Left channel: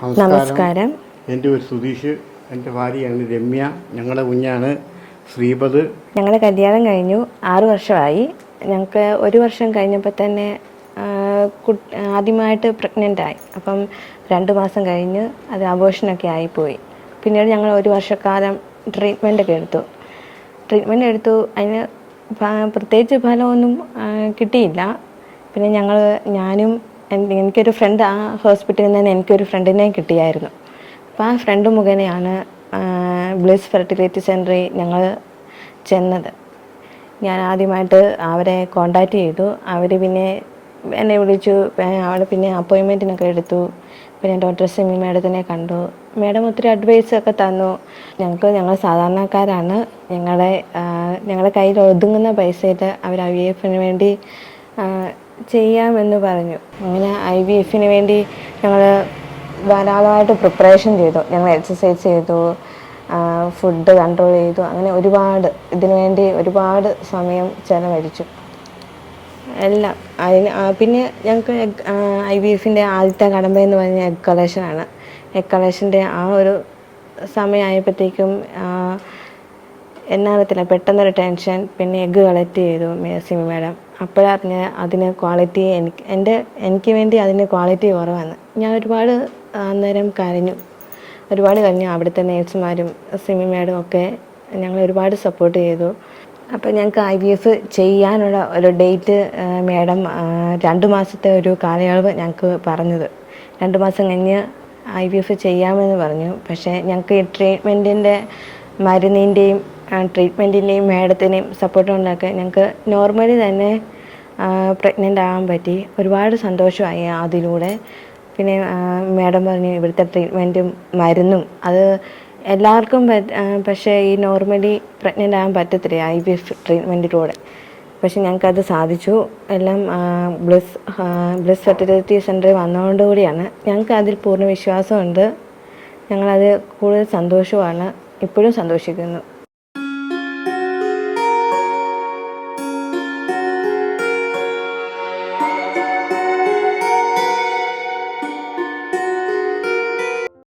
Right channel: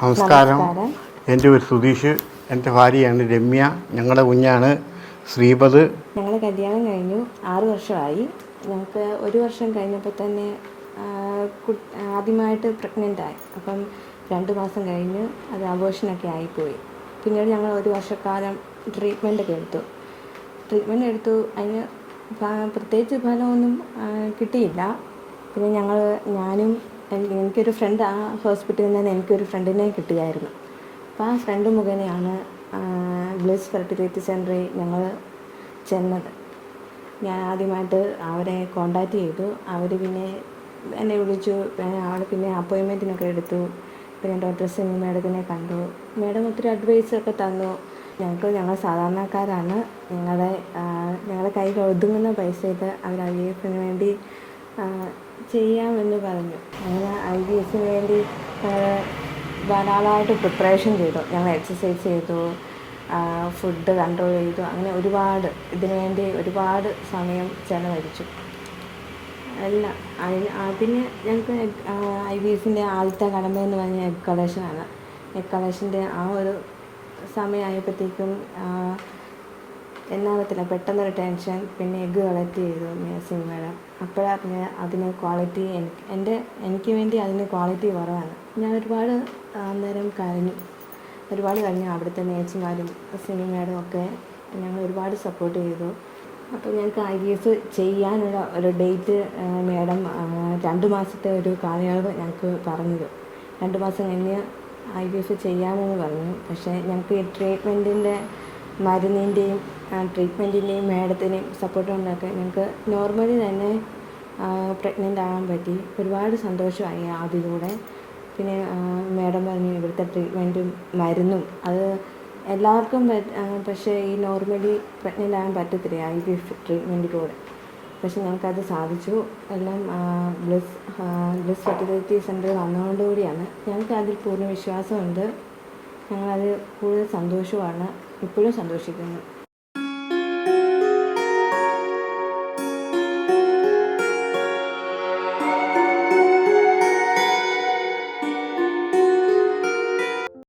നമസ്കാരം. എൻ്റെ പേര് സുധീഷ്. എൻ്റെ ഭാര്യയാണ് രമ്യ. ഞങ്ങളുടെ കുഞ്ഞാണ് ശ്രീപദ്. ഞങ്ങളുടെ കല്യാണം കഴിഞ്ഞു 6 വർഷമായി. ഞങ്ങൾക്ക് 1 വർഷം കഴിഞ്ഞപ്പോൾ തന്നെ ആദ്യമായിട്ട് പ്രഗ്നൻ്റായി. അപ്പം 2 മാസം കഴിഞ്ഞ് അത് അബോർഷനൊക്കെ ആയിപ്പോയി. പിന്നീട് ഞങ്ങൾ 1 വർഷക്കാലം ട്രീറ്റ്മെൻറ്റൊക്കെ എടുത്തു. അതിന് പ്രത്യേകിച്ച് ഫലമൊന്നും കിട്ടിയില്ല. പിന്നെ ഞാനും എനിക്കൊരു ഫ്രണ്ട്, ആ ഹോസ്പിറ്റലിൽ നിന്ന് എനിക്കൊരു ഫ്രണ്ടിനെ കിട്ടിയായിരുന്നു. അപ്പോൾ ആ ഫ്രണ്ട് മുഖേനയാണ് ബ്ലിസ് ഫെർട്ടിലിറ്റി സെൻ്ററിൽ ഞങ്ങൾ ചെന്നത്. ഞാൻ ആദ്യമായിട്ട് അവരെ കോണ്ടാക്റ്റ് ചെയ്തു. അവർ പിന്നെ എന്നെ വിളിച്ചു. അവിടെ പിന്നെ അപ്പോയിൻമെൻറ്റിനൊക്കെ എടുത്തു. പിന്നെ ഡോക്ടർ സിമി മാഡത്തിനെ കണ്ടു. മാഡം ഒത്തിരി അഡ്വൈസൊക്കെ തന്നു. ഞങ്ങൾ സാധാരണക്കാരാണ്. ഞങ്ങളുടെ കയ്യിൽ ഒതുങ്ങുന്ന പൈസയിൽ അവർ IVF വേണ്ടി ചെയ്യാമെന്ന് പറഞ്ഞു. അങ്ങനെ IVF വേണ്ടി ഞങ്ങൾ ധാരാളമായിട്ട് പ്രിപ്പറേഷൻ ചെയ്തു. ഞങ്ങൾ എക്സസൈസ് ചെയ്തു, ഫുഡ് കൺട്രോൾ ചെയ്തു. അങ്ങനെ ഒരുപാട് സമയം ചെലവഴിച്ചു എല്ലാം. പിന്നെ ഞങ്ങൾക്ക് IVF ആദ്യത്തെ കടമ്പയെന്ന് പറഞ്ഞാൽ എഗ് കളക്ഷനാണ്. എഗ് കളക്ഷൻ്റെ ആ ഒരു സമയമായപ്പോഴത്തേക്കും എന്നാകത്തില്ല, പെട്ടെന്നൊരു ടെൻഷൻ. പിന്നെ എഗ്ഗ് കളക്ട് ചെയ്തു സിമി മാഡം. അപ്പോഴറിഞ്ഞ് അതിന് ക്വാളിറ്റി എനിക്ക് വേണ്ടി അതിന് ക്വാളിറ്റി കുറവാണ്. ഞാൻ അന്നേരം കരഞ്ഞു. അവിടുത്തെ നേഴ്സുമാരും സിമി മാഡം ഒക്കെ ഞങ്ങൾ ഒരുപാട് സപ്പോർട്ട് ചെയ്തു. അപ്പോൾ ഞങ്ങൾക്ക് IVF ചെയ്യാനുള്ള ഒരു ഡേറ്റ് മാഡം 2 മാസത്തെ ഒരു കാലയളവ് ഞങ്ങൾക്ക് പറഞ്ഞത്. 2 മാസം കഴിഞ്ഞ് IVF ചെയ്യാമെന്ന് പറഞ്ഞു. പക്ഷേ ഞങ്ങൾക്ക് ഈ മരുന്നിൻ്റെയും ട്രീറ്റ്മെൻറ്റിൻ്റെയും മാഡത്തിനെയും സപ്പോർട്ട് ഉണ്ടാക്കി ഞങ്ങൾക്ക് നോർമലി തന്നെ പ്രഗ്നൻ്റ് ആകാൻ പറ്റി. ഒരുപാട് സന്തോഷമായി അതിലൂടെ. പിന്നെ മാഡം പറഞ്ഞു ഇവിടുത്തെ ട്രീറ്റ്മെൻറ്റും മരുന്നും അത് എല്ലാവർക്കും പക്ഷേ ഈ നോർമലി പ്രഗ്നൻ്റ് ആകാൻ പറ്റത്തില്ല IVF ട്രീറ്റ്മെൻറ്റിലൂടെ. പക്ഷെ ഞങ്ങൾക്കത് സാധിച്ചു. എല്ലാം ബ്ലിസ് ഫെർട്ടിലിറ്റി സെൻ്ററിൽ വന്നതുകൊണ്ടുകൂടിയാണ്. ഞങ്ങൾക്ക് അതിൽ പൂർണ്ണ വിശ്വാസമുണ്ട്. ഞങ്ങളത് കൂടുതൽ സന്തോഷമാണ്. ഇപ്പോഴും സന്തോഷിക്കുന്നു.